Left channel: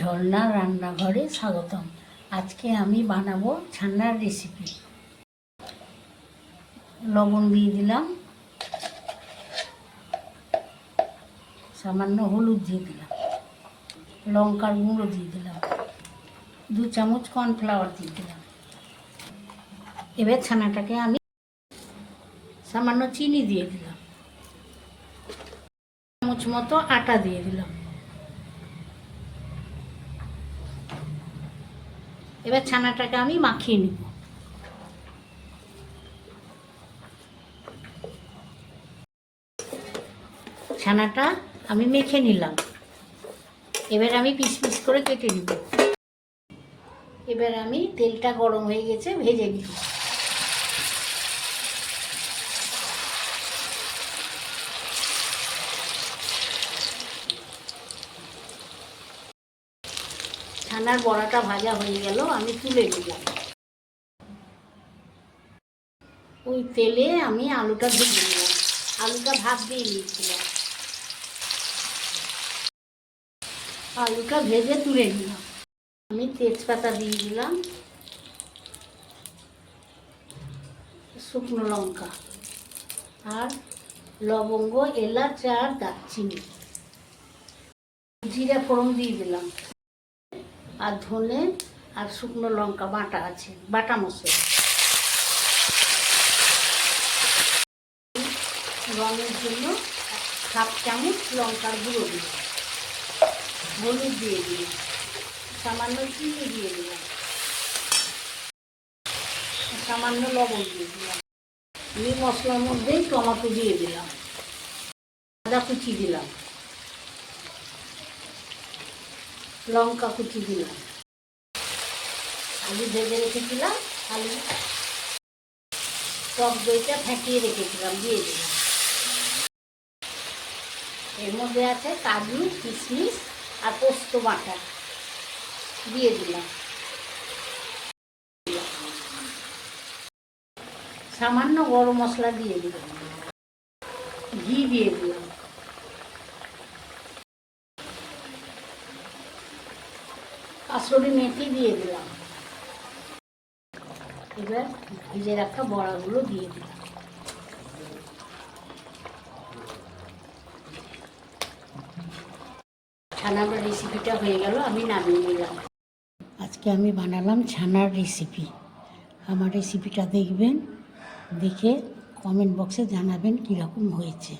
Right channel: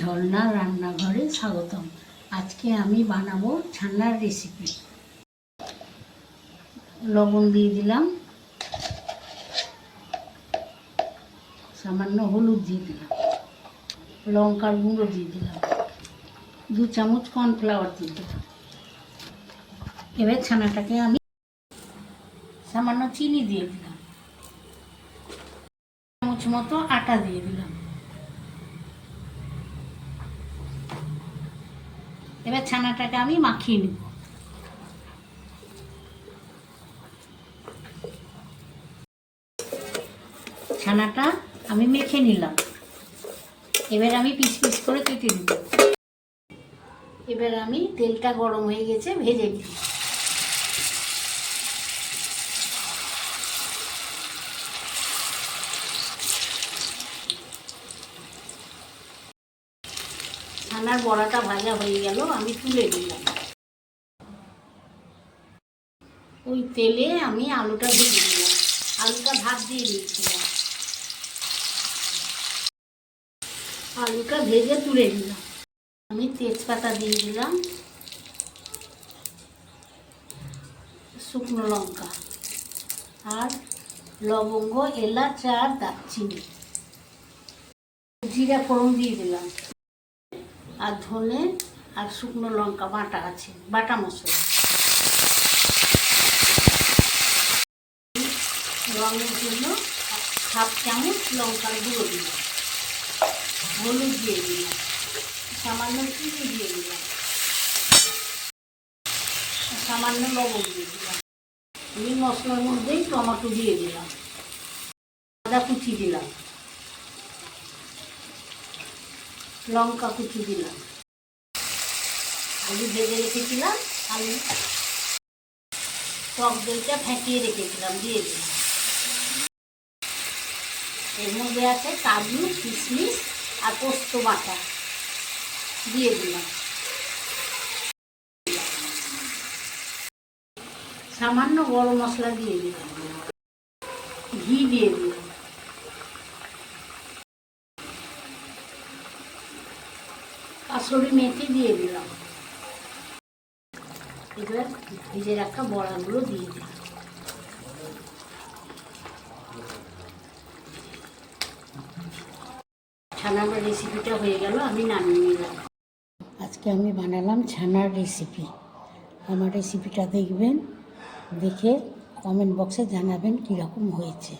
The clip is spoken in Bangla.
ঝর্ণা রান্নাঘরে স্বাগতম। আজকে আমি বানাবো ছানার রেসিপি। লবণ দিয়ে দিলাম, সামান্য হলুদ দিয়ে দিলাম, লঙ্কার গুঁড়ো দিয়ে দিলাম, 2 চামচ কর্নফ্লাওয়ার দিয়ে দিলাম। এবার ছানাটাকে আমি সামান্য চিনি দিয়ে দিলাম, 1 চামচ মতো আটা দিয়ে দিলাম। এবার ছানাটাকে আমি মাখিয়ে নিব। ছানাটা আমি মেখে নিলাম। এবার আমি পিস পিস করে কেটে নিব। এবার আমি তেলটা গরম হয়ে গেছে, ভেজে নিব। ছানার বড়াটা ভাজা হয়ে গেল, আমি তুলে দিলাম। ওই তেলে আমি আলুটা ভেজে নিলাম। আলুটা ভাত দিয়ে দিয়েছিলাম, আলুটা ভেজে তুলে দিলাম। আমি তেজপাতা দিয়ে দিলাম, শুকনো লঙ্কা আর লবঙ্গ, এলাচ আর দারচিনি, জিরা ফোড়ন দিয়ে দিলাম, আর ধনে আর শুকনো লঙ্কা বাটা আছে, বাটা মশলা। রঙের জন্য 1/2 চামচ লঙ্কার গুঁড়ো দিলাম, হলুদ দিয়ে দিলাম, সামান্য চিনি দিয়ে দিলাম, সামান্য লবণ দিয়ে দিলাম। এই মশলার মধ্যেই টমেটো দিয়ে দিলাম, আদা কুচি দিলাম, লঙ্কা কুচি দিলাম, আলু ভেজে রেখেছিলাম, আলু টক দইটা ফেটিয়ে রেখেছিলাম দিয়ে দিলাম। এর মধ্যে আছে কাজু, কিশমিশ আর পোস্ত বাটা দিয়ে দিলাম। সামান্য গরম মশলা দিয়ে দিলাম, ঘি দিয়ে দিলাম, কাসুরি মেথি দিয়ে দিলাম। এবার ভেজে রাখা বড়াগুলো দিয়ে দিলাম। ছানার রেসিপিটা হয়ে গেল, আমি নামিয়ে নিলাম। আজকে আমি বানালাম ছানার রেসিপি। আমার রেসিপিটা দেখবেন, দেখে কমেন্ট বক্সে জানাবেন কীরকম হয়েছে।